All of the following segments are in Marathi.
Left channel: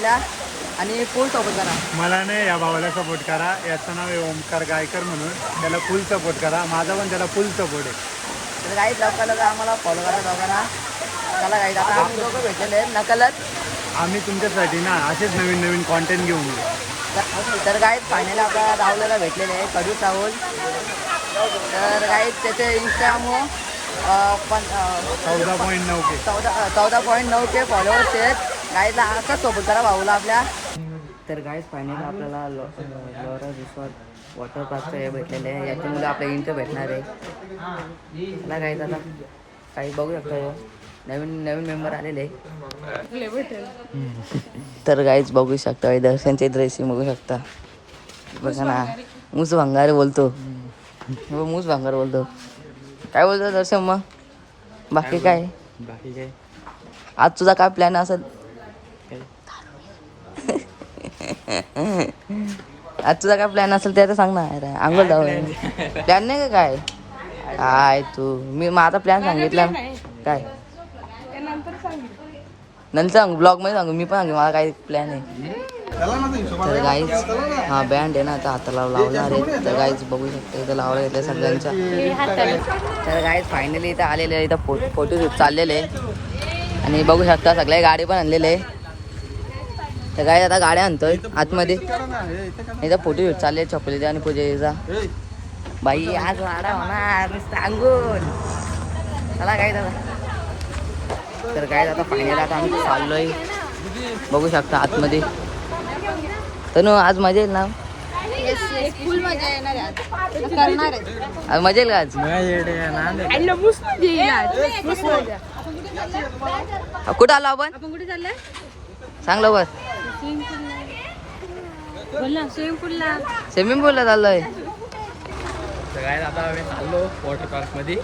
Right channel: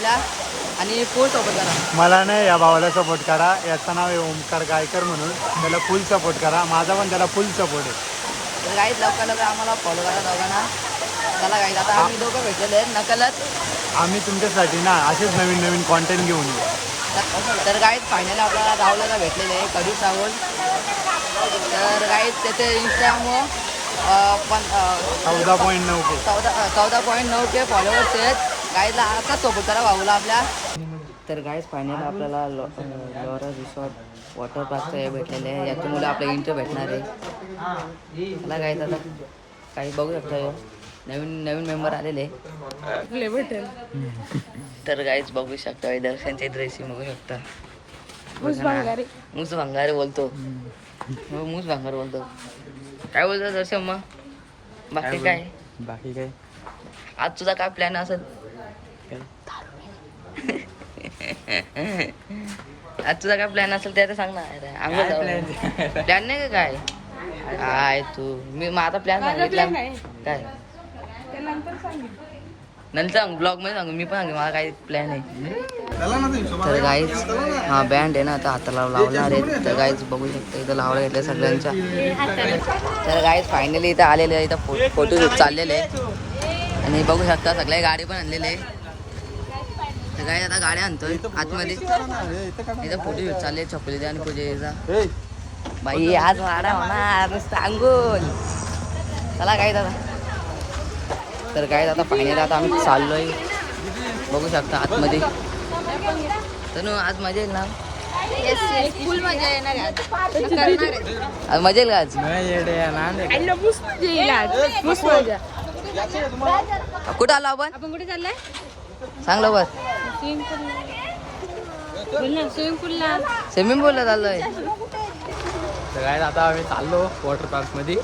आपल्या आणि फुल सपोर्ट करा. मला नाही या भावाला सपोर्ट करा. याचं नाव आहे ओमकार गायकर म्हणून. त्याला फुल सपोर्ट करा. माझा पण त्याला फुल सपोर्ट आहे. तर गाईज लवकर आम्हाला फॉलो करा दोघांना. चला गाईज आता आम्ही दोघं भेटलेले आहेत नकलत. आम्ही तुमच्यासाठी ना असेच नवीन नवीन कॉन्टेंट घेऊन येऊ. तर गाईज फायनली आपल्याला राहुलला भेटलेले आहे कडूस राहुल. तर गाईज त्याचे इंस्टाग्राम 14.9K 14.9K फॉलोअर्स आहेत. गाईजला आता सपोर्ट करा भाऊला आपल्या. तर गाईज फायनली आपल्याला लोरा रिसॉर्ट वॉटर पार्कचं हे भेटलेलं आहे. याची मुलं आपल्या इंटर भेटणार आहे. मला गाईज आता काही बघू शकता नवीन नवीन मेंबर आलेले. तर गाईज बघू शकता दर्शनचे ड्रेसिंग बघू शकता. बघा ना मूस भंगार बोलतो. हो मूस भंगार बोलतो. काय बोलतो दर्शन मग? बाकी काय आज तुझा काय प्लॅन असेल? आज तुझा काय प्लॅन असेल ते आता सांग ना. अंघोळ जाऊ प्लॅन नाही का काय? काय तू मी माझा प्लॅन सांगितला काय नंतर सांग ब्लॉग मध्ये सांगू. मी पण सांगू मला काही प्लॅन आहे. तर गाईज हा बँड आहे ना आता हाताला लावणार आहे. तर गाईज बघू शकता इथं लावलं घेतलं सगळ्यांच्या. तर गाईज फायनली इथं आलेले आहे. इथं फोटोशूट चाललेले आहे आणि बघू शकता सगळ्या गाडी पण आणलेले आहे. तर गाईज आता गाड्या आणतोय आतमध्ये. इथं फोटोशूट चालले चपलीचा आणि पूजेचा. बाई आज वाडा होणार सांगून. चला गाईज आता. तर गाईज आता फायनल आता आम्ही चाललोय बघू शकता आतमध्ये. तनु आज मजा येईल ना? फुल मजा येणार आज मजा येईल का आज? कुठं आलो आपण? कुठे चाललाय? सांग लवकर. स्विमिंग पूलला चाललोय. तर काय आता आम्ही चाललो वॉटर पार्क मध्ये.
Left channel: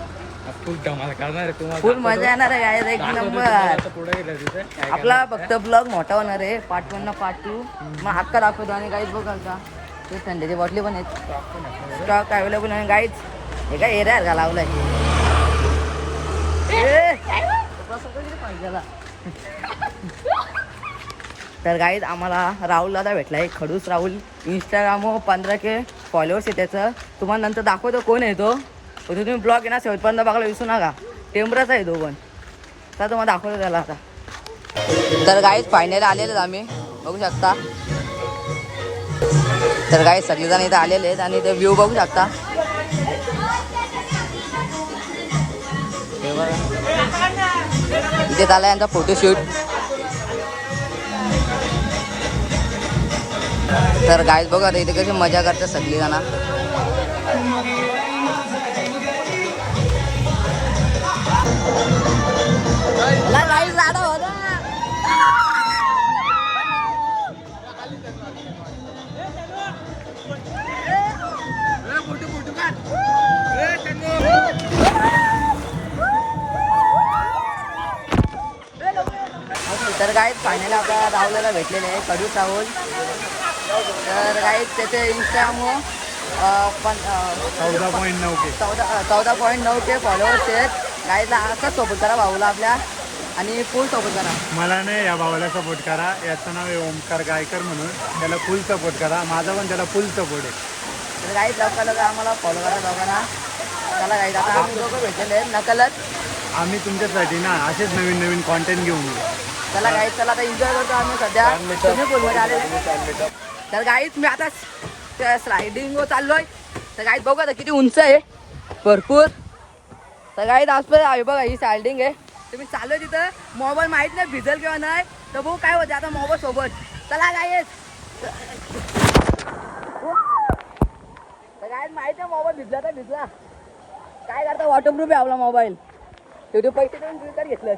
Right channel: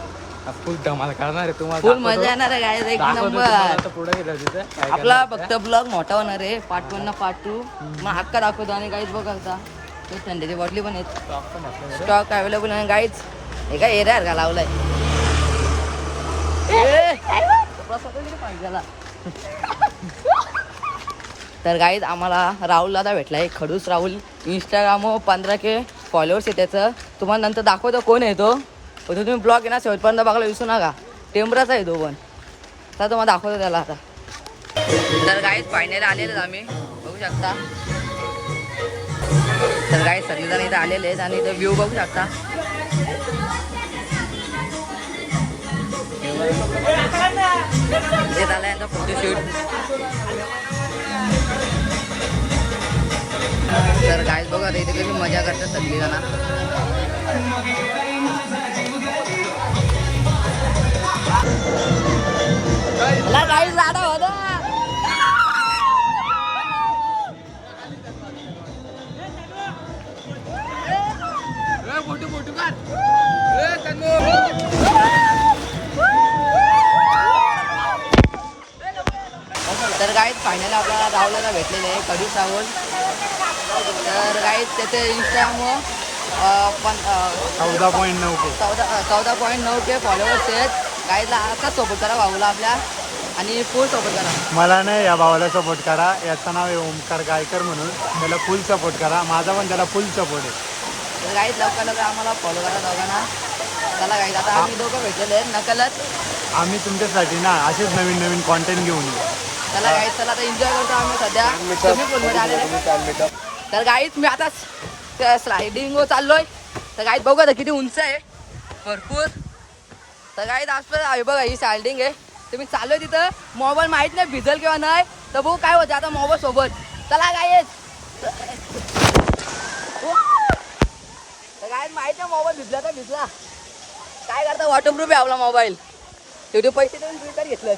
फुल धमाल करणार आहे तुम्हाला. फुल मजा येणार आहे गाईज एक नंबर. पुढे आपला फक्त ब्लॉग मोठा होणार आहे. पार्ट 1 ना पार्ट 2 मग हक्का दाखवतो. आणि गाईज बघालता ते थंडीची बॉटली पण आहेत. स्टॉक अवेलेबल आहे गाईज. हे काय एरिया का लावलाय तर गाईज आम्हाला राहुल दादा भेटलाय खडूस राहुल. इंस्टाग्राम 15K फॉलोअर्स आहे त्याचं. तुम्हाला नंतर दाखवतो कोण आहे तो. तुम्ही ब्लॉग आहे ना शेवटपर्यंत बघायला विसरू नका. टेंबराचा आहे तो पण. तर तुम्हाला दाखवतो त्याला आता. तर गाईज फायनली आलेलेच आम्ही बघू शकता. तर गाईज सगळेजण इथं आलेले आहेत आणि ते व्ह्यू बघू शकता. इथे झाला यांचा फोटोशूट. तर गाईज बघा इथे कशी मजा करतात सगळीजण. गाईज लाडा होता. तर गाईज फायनली आपल्याला राहुलला भेटलेले आहे कडूस राहुल. तर गाईज त्याचे इंस्टाग्राम 14.9K फॉलोअर्स आहेत. गाईजला आता सपोर्ट करा भाऊला आपल्या आणि फुल सपोर्ट करा. मला नाही या भावाला सपोर्ट करा. याचं नाव आहे ओमकार गायकर म्हणून. त्याला फुल सपोर्ट करा. माझा पण त्याला फुल सपोर्ट आहे. तर गाईज लवकर आम्हाला फॉलो करा दोघांना. चला गाईज आता आम्ही दोघं भेटलेले आहेत नकलत. आम्ही तुमच्यासाठी ना असेच नवीन नवीन कॉन्टेंट घेऊन येऊ. चला गाईज चला आता एन्जॉय करतो आम्ही सध्या स्विमिंग पूलमध्ये आलेले. तर गाईज मी आता स्लायडिंग चाललोय. तर गाईज बघू आता किती उंच आहे भरपूर. तर गाईज आसपास आहे बघा ही स्लायडिंग आहे. तुम्ही चाललोय तिथं मोबाईल माहीत नाही भिजल किंवा नाही. तर बघू काय होते आता मोबाईल सोबत. चला गाईज. तर गाईज माहिती आहे मोबाईल भिजला तर भिजला. काय करता वॉटरप्रूफ आहे आपला मोबाईल. तेवढे पैसे देऊन फिल्टर घेतलं.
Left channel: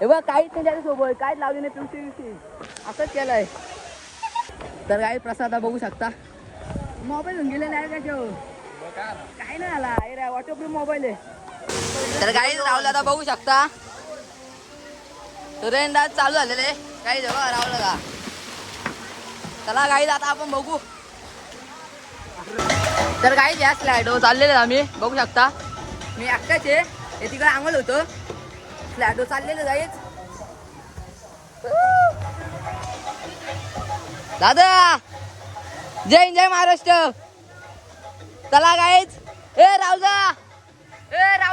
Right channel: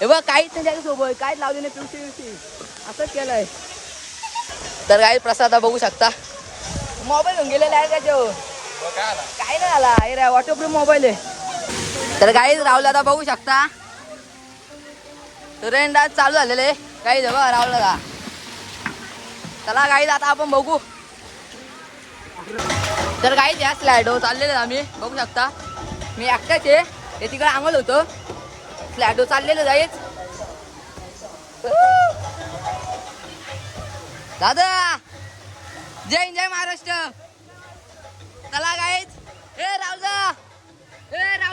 हे बघ काहीच नाही त्याच्यासोबत. काहीच लावले नाही तुमची असंच केलंय. तर काही प्रसाद बघू शकता. मोबाईल घेऊन गेलेला आहे त्याच्यावर. काय नाही आला अरे वॉटरप्रूफ मोबाईल आहे. तर काही राहुल आता बघू शकता. ट्रेंड आज चालू झालेले काही बघा राहुल दादा. चला काही आता आपण बघू. तर काही या स्लायडवर चाललेले आम्ही बघू शकता. मी एकटाच आहे. हे तिकडे आंघोळ होतं. स्लायडवर चाललेलं जाईच. दादा जय हिंद जय महाराष्ट्र. चला गाईच. ए राहुल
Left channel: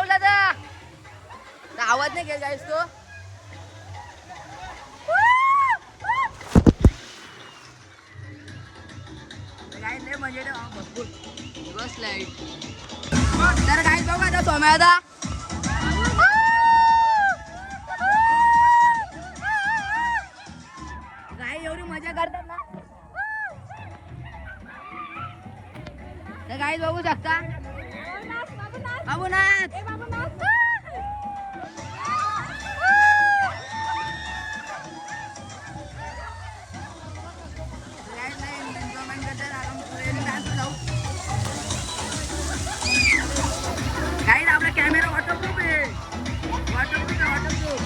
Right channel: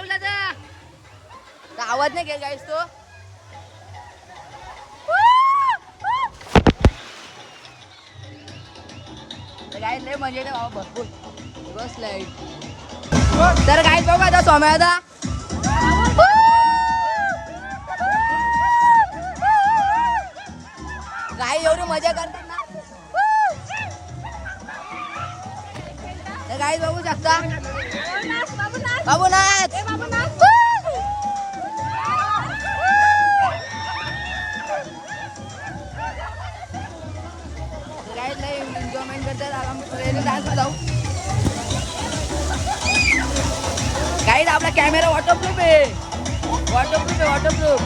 दादा आवाज नाही केला गाईस तो. गाईस लय मजा येते बाबा भरपूर. बस लाईट. तर गाईस बघू आता सोम्या दादा. गाई एवढी मजा करतात ना. तर गाईस बघू शकता. बाबू नाच. गाईस लय एन्जॉयमेंट करतात. आराम पुढे डान्स जाऊ. गाईस आपला कॅमेरा वॉटरप्रूफ आहे. वॉटरप्रूफ.